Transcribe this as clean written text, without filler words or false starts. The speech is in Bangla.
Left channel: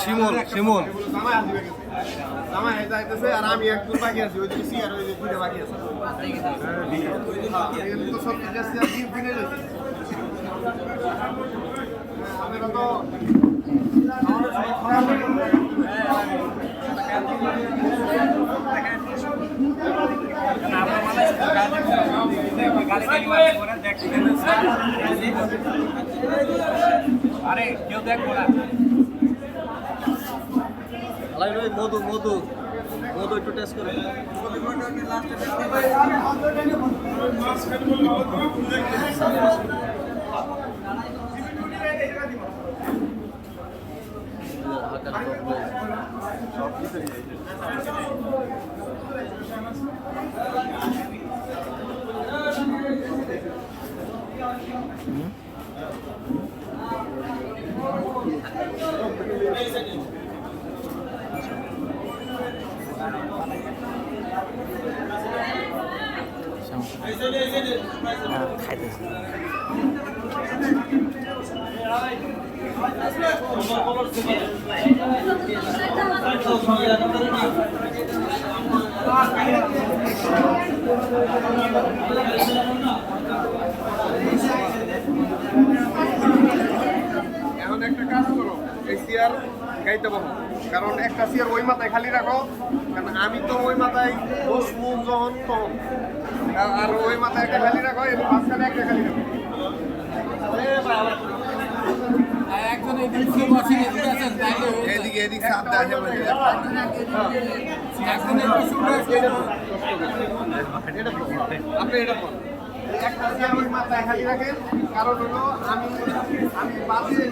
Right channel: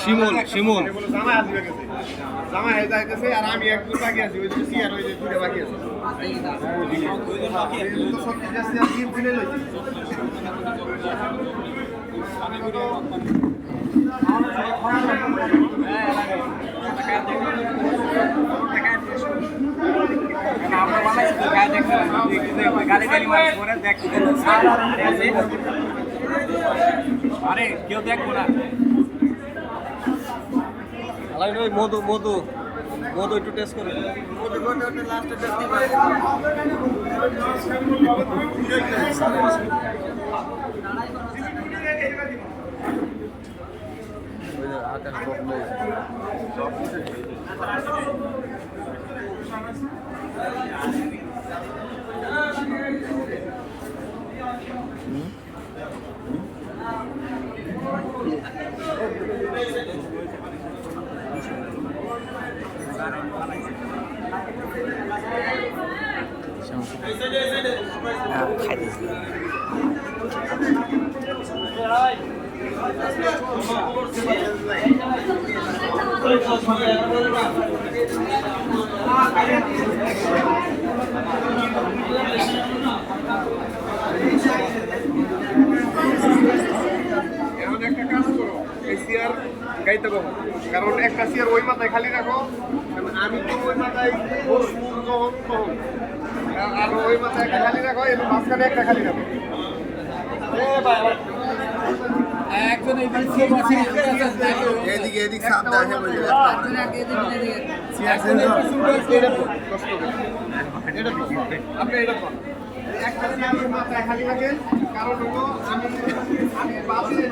শিমুল শিমুল জামাই হয়ে যাইতেছে আর আমি একটু বাকি আছি ওই যে সিয়ার ওই যে দুইটা বাকি আছে তো সব কিছু আছে আর ডিম দিনে লইছি আমি তো আমরা বানাইছি তো খাই দেখতে গালি গালি মারতে পরে দেখতে আরে কেউ দেখবো না ওই মধু মধু মধু একটু টেস্ট করে লাস্টে এখন একটা কাজ করো এই চেয়ার গাইতে পাবো কারণ একটা চেয়ার ওই মাথায় খালি রাখো কারণ আমি তো ওই মাথায় বসবো যখন তখন আর ওই মাথায় একটা খালি রাখো এবং মাঝখানে একটা খালি রাখো এদিকে এদিক সাবধানে আপনি এটা কর একটা চেয়ার ওই মাথায় খালি রাখেন কারণ হলো আমি বাসে